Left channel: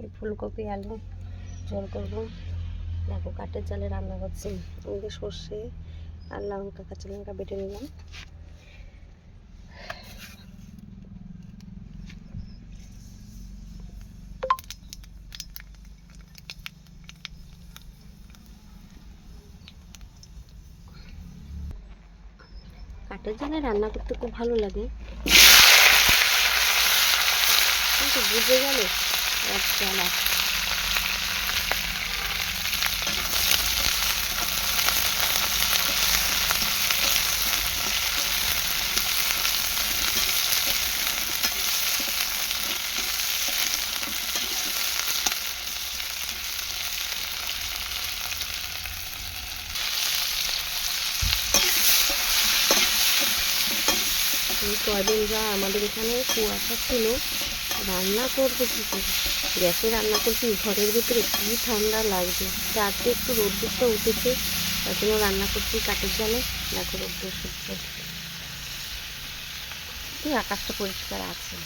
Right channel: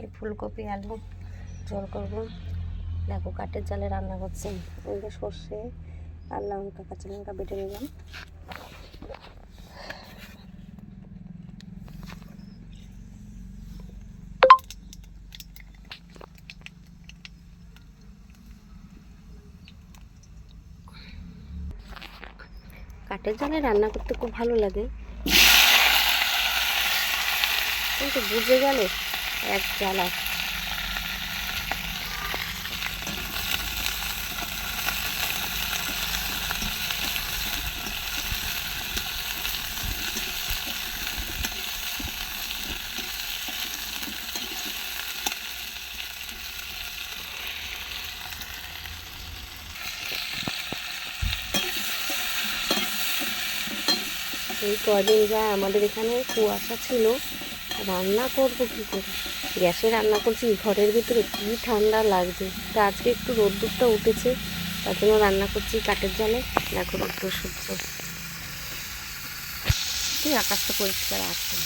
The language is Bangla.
এই ফুলকপি আলু ঝোল করবো। দেখো কাঠের জালে রান্না করছি। ওইদিকে সর্ষে আর লঙ্কা কাঁচা লঙ্কা বেটে নিলাম। কাঠের জালে রান্না করতে খুব ভালো লাগে, কিন্তু বুঝে গেলে এক জ্বালা। এই কদিন যা আমাদের এখানে কুয়াশা ছিল, রান্না করবো কী করে? গ্যাসে রান্না করছি, ঘরের ভিতরে কী ঠান্ডা লাগছে। তা আজকে একটু রোদ্দুরটা উঠেছে, তার জন্য রান্না করছি কাঠের জালে। দেখো রোদ্দুর সহ্য, আকাশটা পরিষ্কার আছে।